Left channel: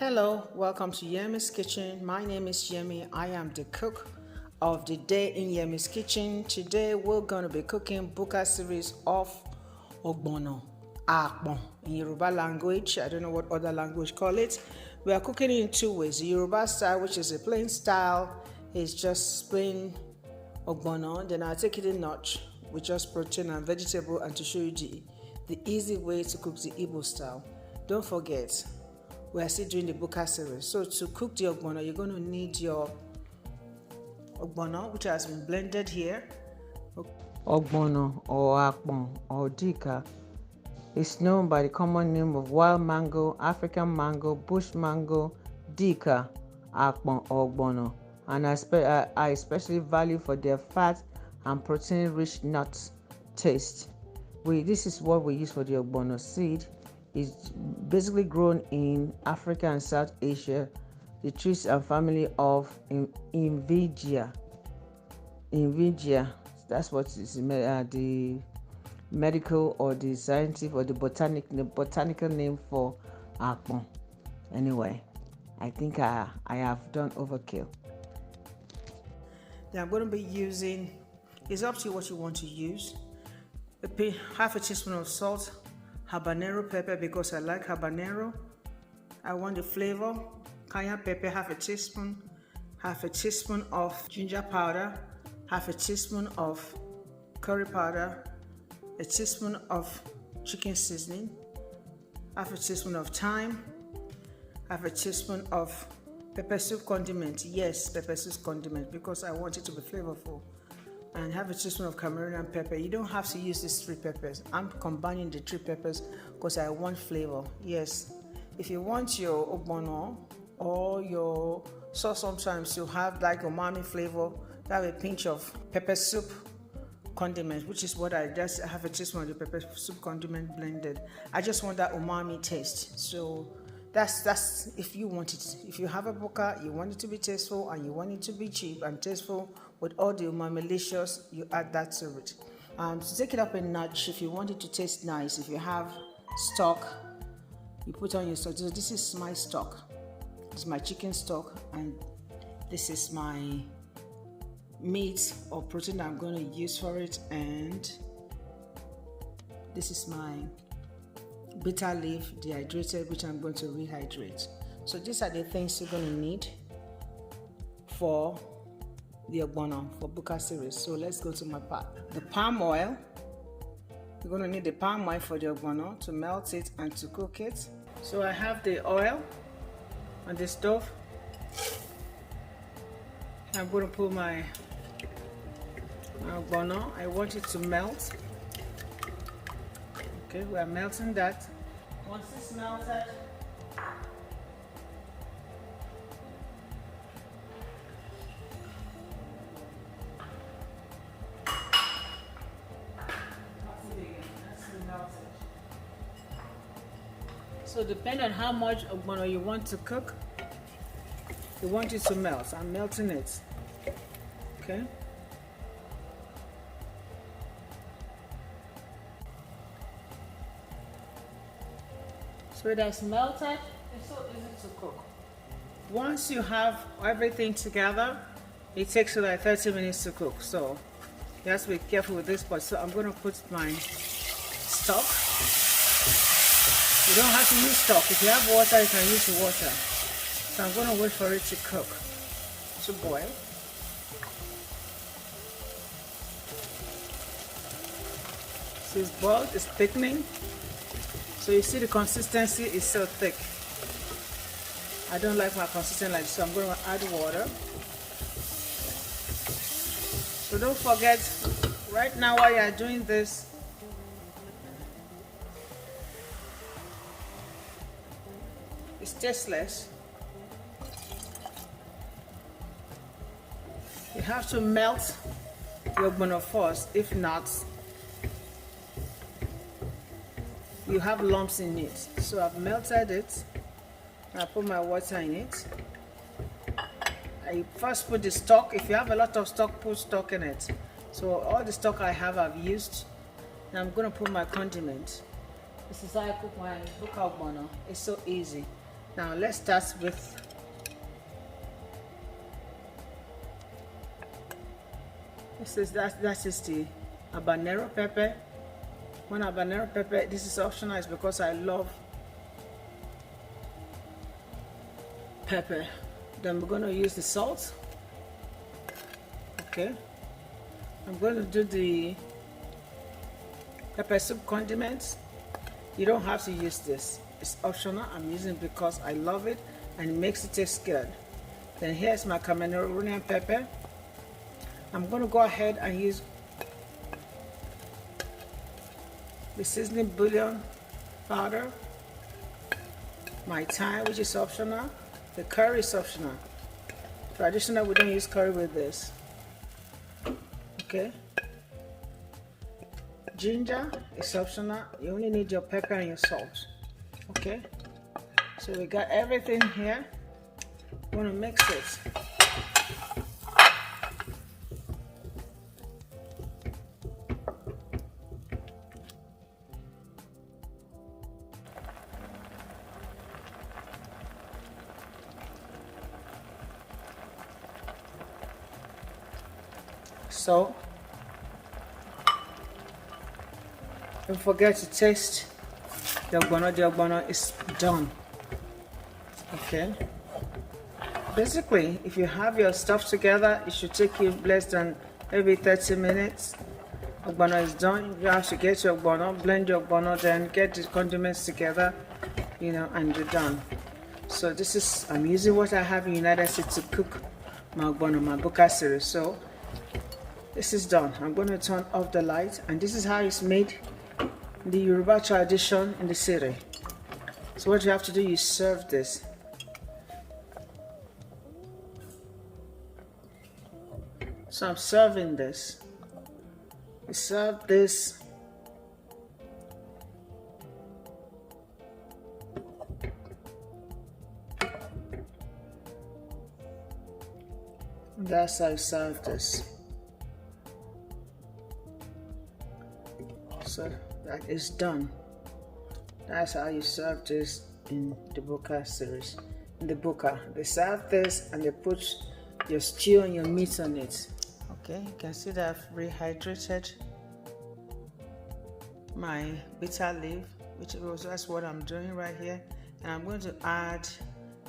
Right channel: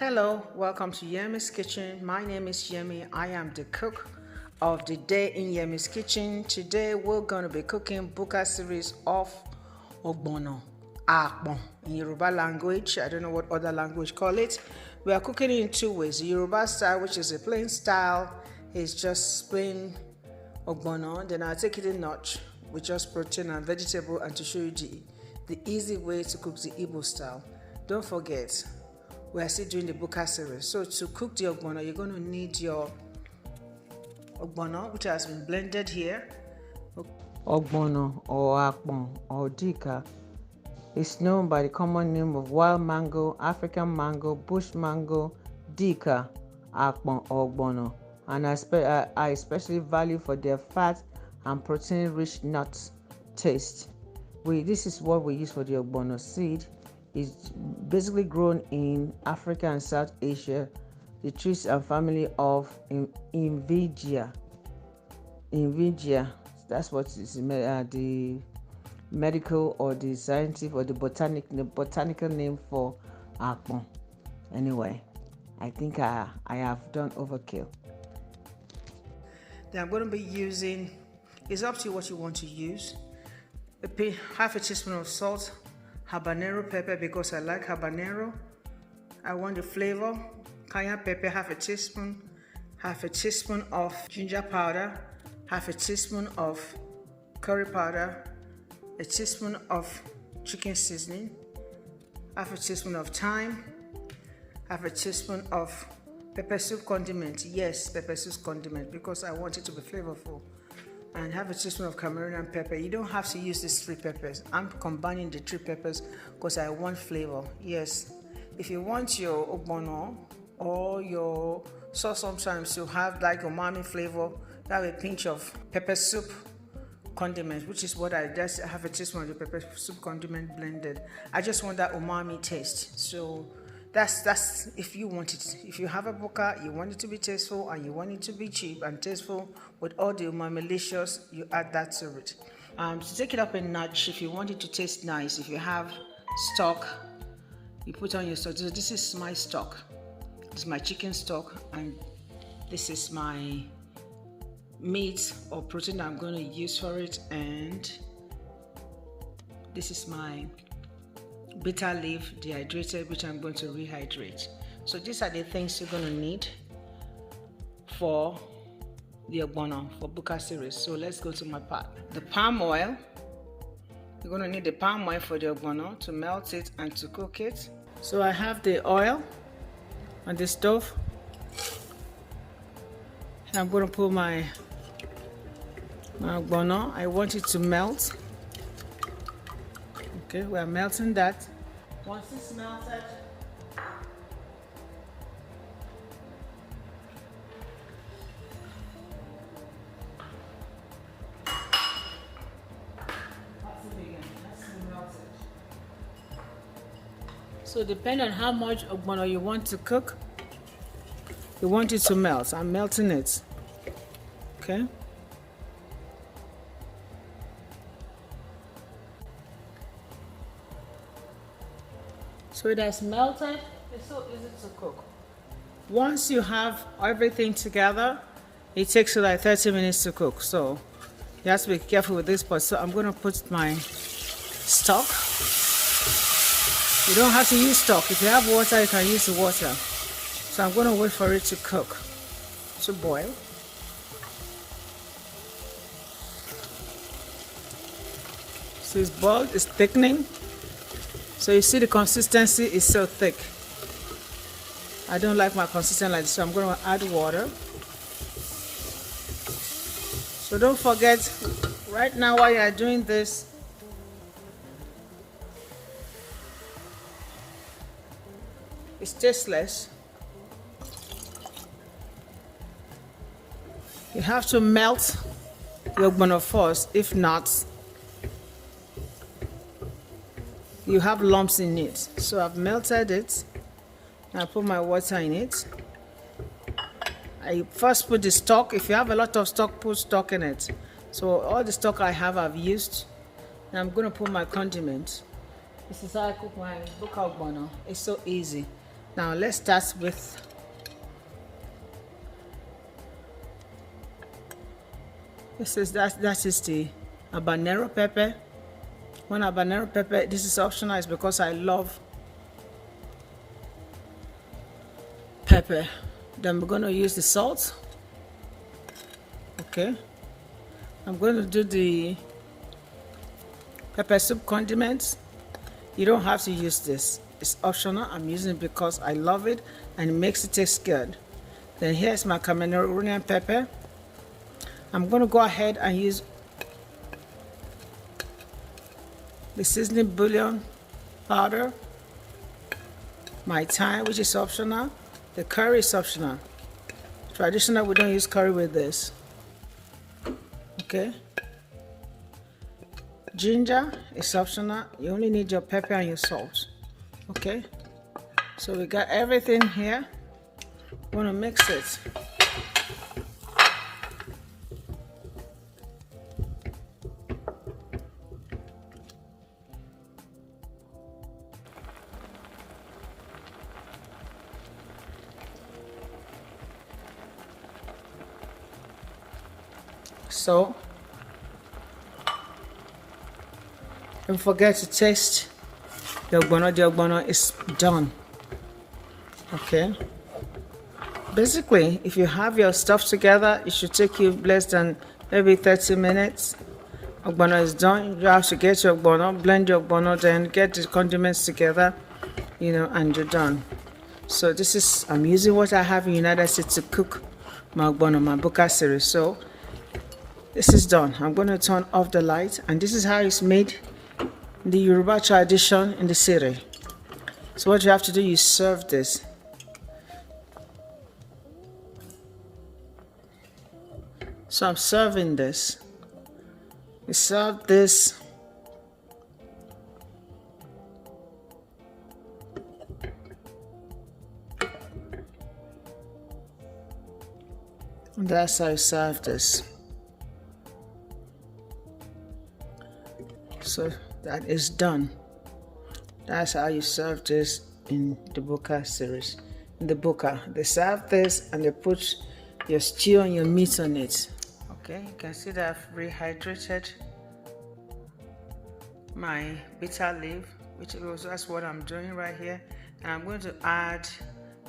Hello, welcome to Yemi's Kitchen. My name is Yemi. I am the cook of the day in Yemi's Kitchen. Today we're going to be cooking Buka series of Ogbono Soup in Yoruba language. I don't know what other language call it. We are cooking it in two ways. The Yoruba style, which is a plain style, is just plain Ogbono. Then I'll take it a notch with just protein and vegetable, and to show you the easy way to cook the Igbo style. Don't forget, we are still doing the Buka series. So to cook the Ogbono, you're going to need your Ogbono, which has been blended here. Ogbono or akpon or dika is known by the common name of wild mango, African mango, bush mango, dika, akpon or ogbono, and I especially value for their fat and protein-rich nuts taste. This is what we use for the Ogbono seed. It's basically grown in Africa and South Asia. The trees are family of Invigia. That's what is the medical or the scientific or the botanical name for akpon. Anyway, I think I have done overkill. Then I'm going to be using, it's up to you what you want to use. Half a teaspoon of salt, habanero pepper because I like habanero. I want the flavor. Cayenne pepper, half a teaspoon of ginger powder, half a teaspoon of curry powder, a teaspoon of chicken seasoning, half a teaspoon of thyme, half a teaspoon of pepper soup condiment. Yes, pepper soup condiment because I want it to be flavorful. And half a teaspoon of Cameroonian pepper. You don't have to use these three peppers. I'm combining the three peppers because I want flavor. Yes, if you want your Ogbono or your sauce sometimes to have like umami flavor, have a pinch of pepper soup condiment, which is what I just have a teaspoon of the pepper soup condiment blended. I just want that umami taste. So that's if you want it. If you have a buka, you want it to be tasteful and you want it to be cheap and tasteful with all the umami-licious, you add that to it. To take it up a notch, if you want it to taste nice, if you have stock, you put on your stock. So this is my stock. This is my chicken stock, and this is my meat or protein that I'm going to use for it, and this is my bitter leaf dehydrated, which I'm going to rehydrate. So these are the things you're going to need for the Ogbono for Buka series. So let's go to my part. The palm oil. You're going to need the palm oil for the Ogbono to melt it and to cook it. So I have the oil on the stove, and I'm going to put my Ogbono. I want it to melt. Okay, we are melting that. Once it's melted, so depending on how much Ogbono you want to cook, you want it to melt. I'm melting it. Okay. So it has melted. It's so easy to cook. Once you have everything together, it takes you like 30 minutes to cook. So you have to be careful with this part. So I'm going to put my stock. You don't have to use stock. If you have water, you can use the water. So I'm going to wait for it to cook, to boil. So it's boiled, it's thickening. So you see the consistency is so thick. I don't like my consistency like this, so I'm going to add water. So don't forget, right now while you are doing this, it's tasteless. You have to melt your Ogbono first, if not, you have lumps in it. So I've melted it. I put my water in it. I first put the stock. If you have a lot of stock, put stock in it. So all the stock I have, I've used. And I'm going to put my condiment. This is how I cook my Buka Ogbono. It's so easy. Now let's start with that is the habanero pepper. One habanero pepper, this is optional, is because I love pepper. Then we're going to use the salt. Okay, I'm going to do the pepper soup condiments. You don't have to use this, it's optional. I'm using it because I love it and it makes it taste good. Then here's my Cameroonian pepper. I'm going to go ahead and use the seasoning bouillon powder, my thyme, which is optional. The curry is optional. Traditional, we don't use curry with this. Okay. Ginger is optional. You only need your pepper and your salt. Okay. So we got everything here. Want to mix it. So don't forget to taste the ogbono. The ogbono is done. Okay. Basically, if you have your stuff together, it should take you less than maybe 30 minutes. Ogbono is done. You have to get your ogbono, blend your ogbono, then get the condiments together, you know, and you're done. So this is, I'm using what I have in the United States to cook my ogbono, my buka series. So this is done. I'm going to turn off the light, and this is how it's made in the Yoruba tradition in the city. So what you have to do, you serve this. So I'm serving this. You serve this. And that's how I serve this. So that is done. That's how you serve this in the buka series. In the buka, they serve this and they put your stew and your meat on it. Okay, you can see that I've rehydrated my bitter leaf, which was that's what I'm doing right here. And I'm going to add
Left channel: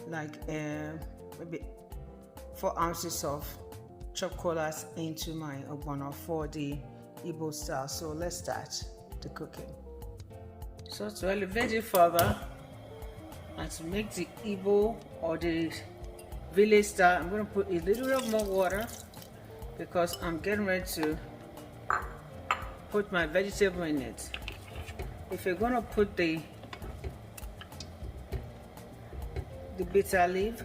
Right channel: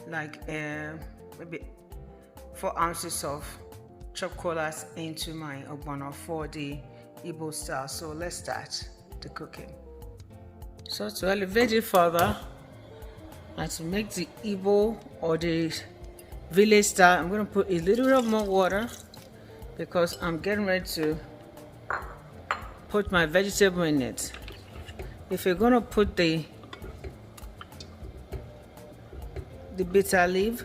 like maybe 4 ounces of chopped kolas into my ogbono for the Igbo style. So let's start the cooking. So to elevate it further and to make the Igbo or the village style, I'm going to put a little bit more water because I'm getting ready to put my vegetable in it. If you're going to put the bitter leaf,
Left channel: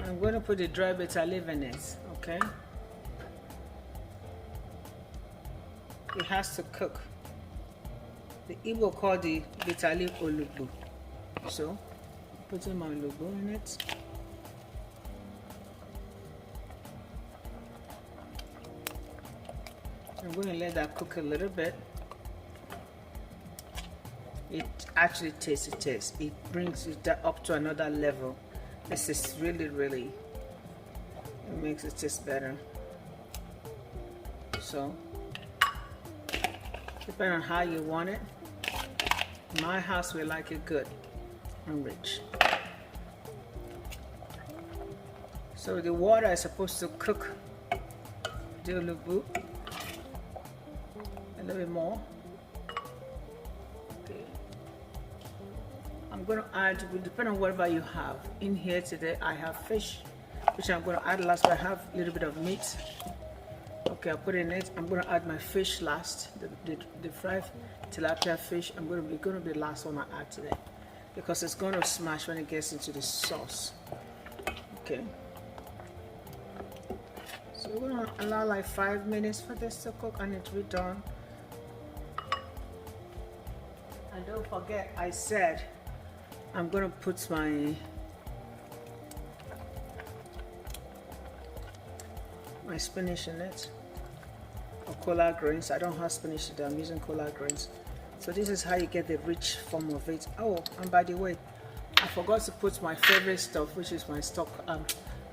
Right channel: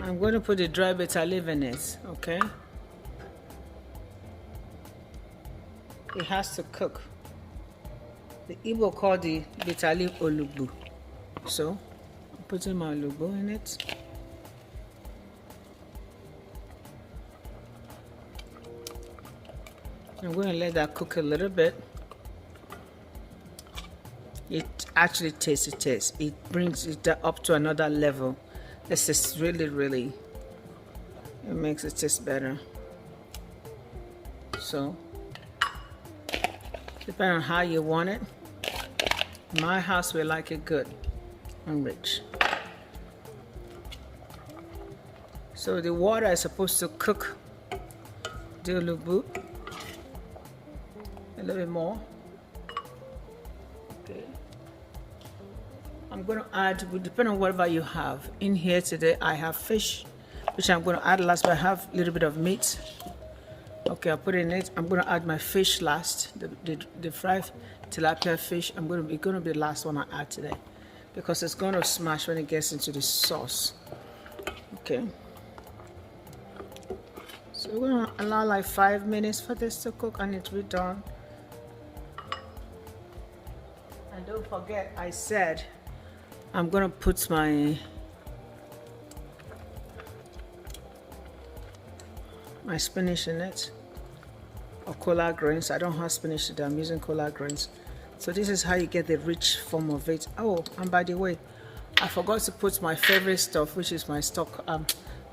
I'm going to put the dry bitter leaf in it, okay? It has to cook. The Igbo call the bitter leaf olugbo. So, I'm putting my olugbo in it. I'm going to let that cook a little bit. It actually tastes the taste. It brings it up to another level. This is really, it makes it taste better. So, depending on how you want it. In my house, we like it good and rich. So the water is supposed to cook the olugbo a little bit more. Okay. I'm going to add, depending on whatever you have. In here today, I have fish, which I'm going to add last, but I have a little bit of meat. Okay, I'll put it in it. I'm going to add my fish last, the fried tilapia fish. It's going to be the last one I add today because it's going to smash when it gets into the sauce. Okay. So we're going to allow like 5 minutes for this to cook and it will be done. And don't forget, I said I'm going to put my spinach in it, or collard greens. I don't have spinach today, I'm using collard greens So this is how you get the rich form of it. Oh, and by the way, I forgot to put my favorite stuff, which is my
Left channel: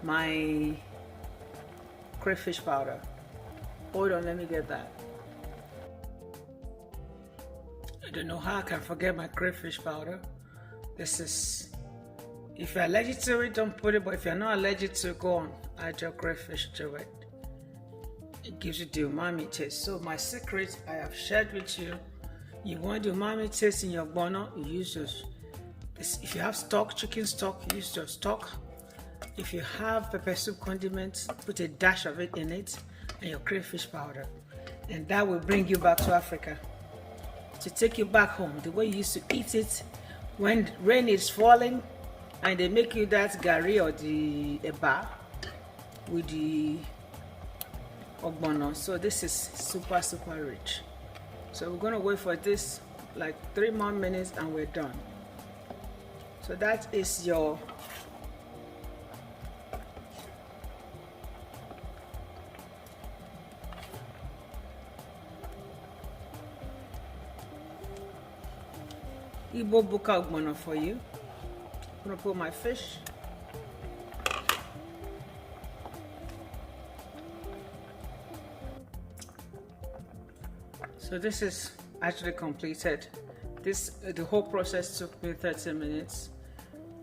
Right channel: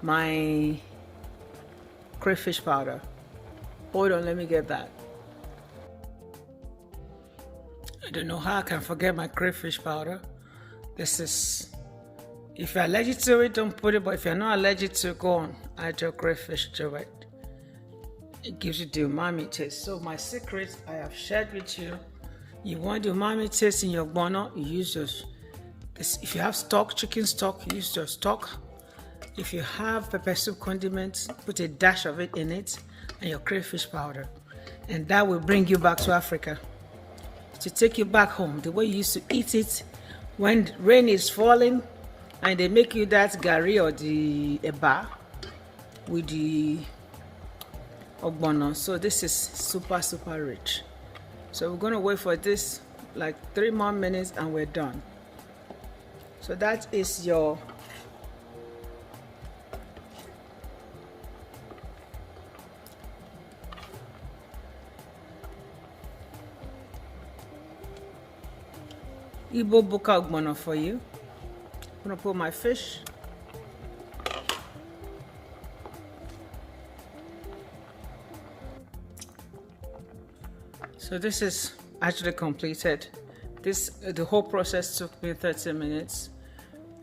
my crayfish powder. Hold on, let me get that. I don't know how I can forget my crayfish powder. This is, if you're allergic to it, don't put it, but if you're not allergic to it, go on, add your crayfish to it. It gives you the umami taste. So my secret I have shared with you. You want the umami taste in your ogbono, you use those. If you have stock, chicken stock, use your stock. If you have pepper soup condiments, put a dash of it in it, and your crayfish powder. And that will bring you back to Africa. To take you back home, the way you used to eat it when rain is falling, and they make you that gari or the eba with the ogbono. So this is super rich. So we're gonna wait for this like 3 more minutes and we're done. So that is your Igbo buka ogbono for you. I'm gonna put my fish. So this is actually completed. The whole process took me 30 minutes.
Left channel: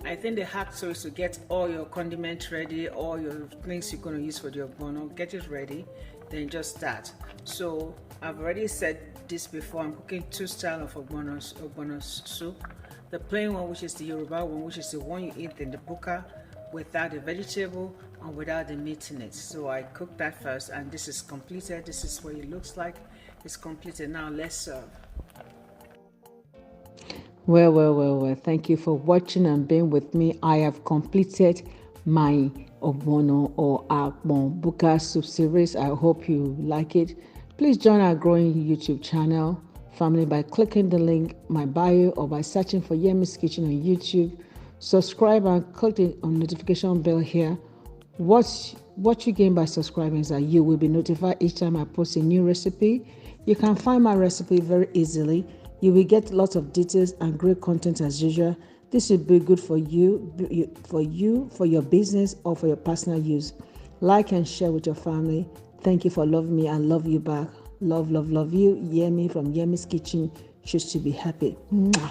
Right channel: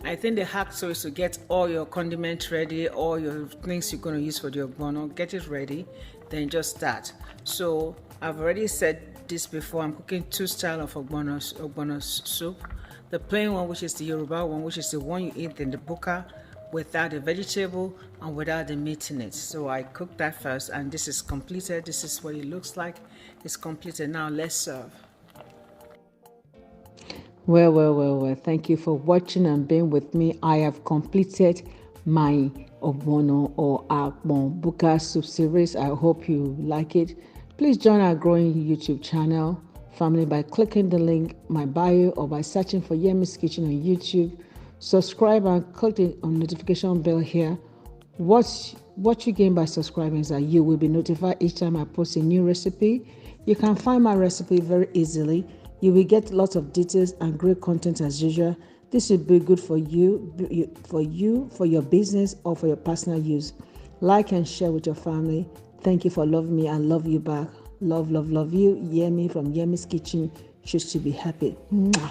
I think the hack so is to get all your condiments ready, all your things you're going to use for the ogbono, get it ready, then just start. So I've already said this before, I'm cooking 2 styles of ogbono soup. The plain one, which is the Yoruba one, which is the one you eat in the buka without the vegetable and without the meat in it. So I cooked that first, and this is completed. This is what it looks like. It's completed. Now let's serve. Well. Thank you for watching and being with me. I have completed my ogbono or akpon buka soup series. I hope you like it. Please join our growing YouTube channel family by clicking the link in my bio or by searching for Yemi's Kitchen on YouTube. Subscribe and click the notification bell here. What you gain by subscribing is that you will be notified each time I post a new recipe. You can find my recipe very easily. You will get lots of details and great content as usual. This will be good for your business, or for your personal use. Like and share with your family. Thank you for loving me. I love you back. Love you. Yemi from Yemi's Kitchen. Choose to be happy. Mwah.